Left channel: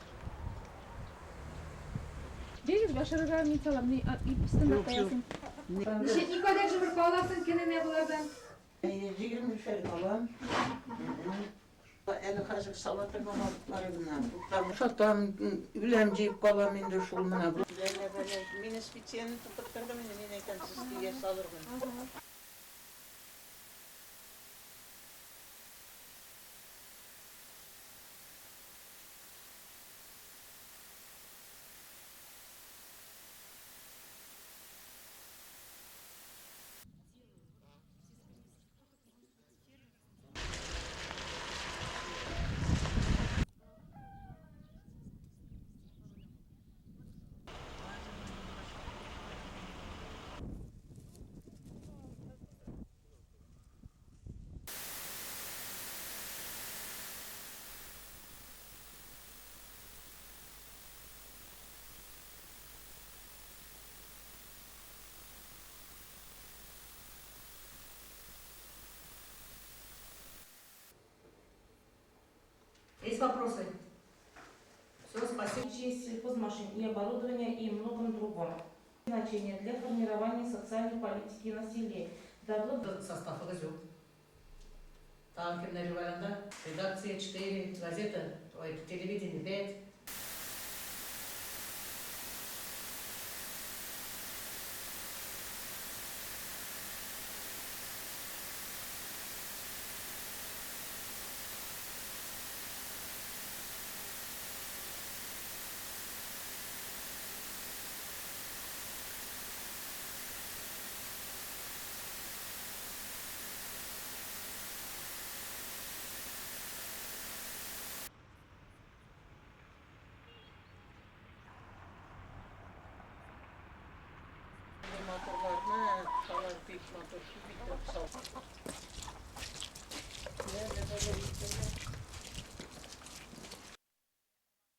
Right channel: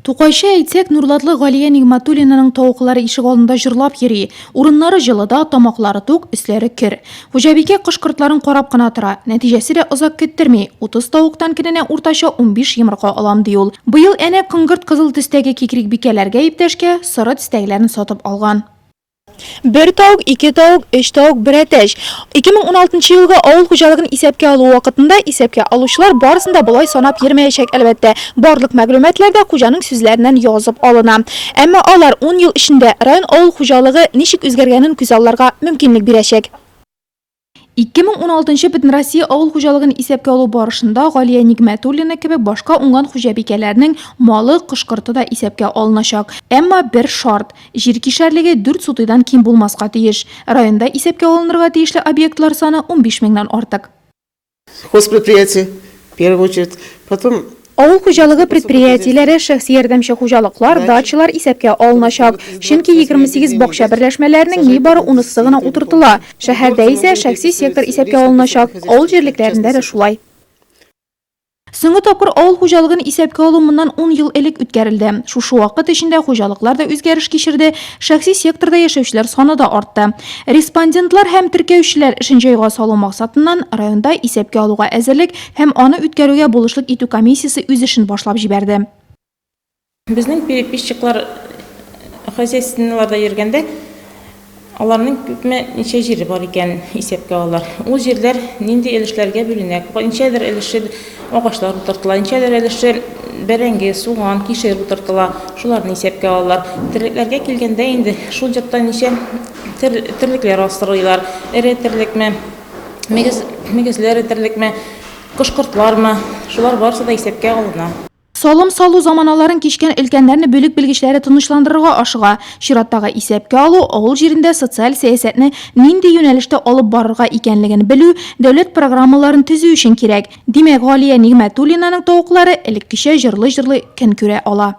Туқайша әйтсек, Нурлатлы Галия Нигматуллинаның тауықлары ишек алдында жырлап йөри. Урыннары жылыда, тамаклары тук, өсләре кир. Хуҗабикә кышкыртларын карап кына тора. Нәтиҗәсе дә озак көттерми. 30 тавыктан кенә уртача 15 йомырка алам ди ул. Быел әнә кыңгырт кызыл төстәге кикрик бикәләргә иптәшкә сыры төстәгеләрне сатып алган. Bir tavuk, iki tavuk, üç tavuk, bir әтәш. 2016 елга авыл хуҗалыгын исәпкә алу вакытында исәпкә алучылар барысында болай санап йөрмәячәк әлбәттә. Барлык мәгълүматлар да хуҗаның сүзләреннән язып алына. Әмма алар 10 ел эчендә район авыл хуҗалыгы ничек үзгәргәнен күз алларга мөмкинлек бирәчәк. 2016 Бөтен Россия авыл хуҗалыгын исәпкә алу барышында Галия Нигматуллина кебек башка уңган хуҗабикәләрнең малы, кышкырты да исәпкә алыначак. Әмма бер шарт: җир кишәрлеге 4 сутыйдан ким булмаска тиеш. Районда исәпкә алынырга тиешле объектлар саны 15 меңнән артык. Хозпредприятие, в первую очередь, потом Авыл хуҗалыгы предприятиеләре, шәхси ярдәмче хуҗалыклар, дачалар исәпкә алыначак. Чөнки 28 бакча берләшмәләренең нибары 10-сы гына утыртыла. Шәһәрдә исә шәхси сектор исәпкә алыначак. Авыл җирлекләрендә дә шулай. Соңгы тапкыр авыл хуҗалыгын исәпкә алу моннан 10 ел элек үткәрелде. Шушы вакыт эчендә хуҗалыклар да үзгәреш кичерде, шәхси секторда яшәүчеләр саны да артты. Респондентлар һәм теркәүчеләр эшен җайга салу максатыннан районда исәпкә алуга әзерлек һәм аны үткәрүгә булышлык итү комиссиясе үз эшен башлап җибәрде. Безнең переписчиклар хозяйственныйларда йөргәндә, аларның күпме ничә җире бар икән исәпкә алалар. Ул җирләр нинди өлешләргә бүленә? Ничәдер өлеше агачлар утыртыла, ничәдер өлеше бәрәңге, суган, кишер утыртыла. Шуларны исәпкә алалар. Терлекләргә килгәндә инде шул җыртта ничә терлекләр астырыйлар. Эре терлекме, мөгезләр терлекме, кышкыртлармы? Шулар барысы да исәпкә алына. Салым салу заманаларын кичкән өлкәннәрне бүлек белгечләре тынычландырырга ашыга. Чираттагы исәпкә алу авыл җирендә социаль сәясәтне нинди юнәлештә алып барырга икәнлеген белү, дәүләт программаларын төзү өчен кирәк. Димәк, Галия Нигматуллинаның тавыклары элеккечә җырлы-җырлы көн күрә ала.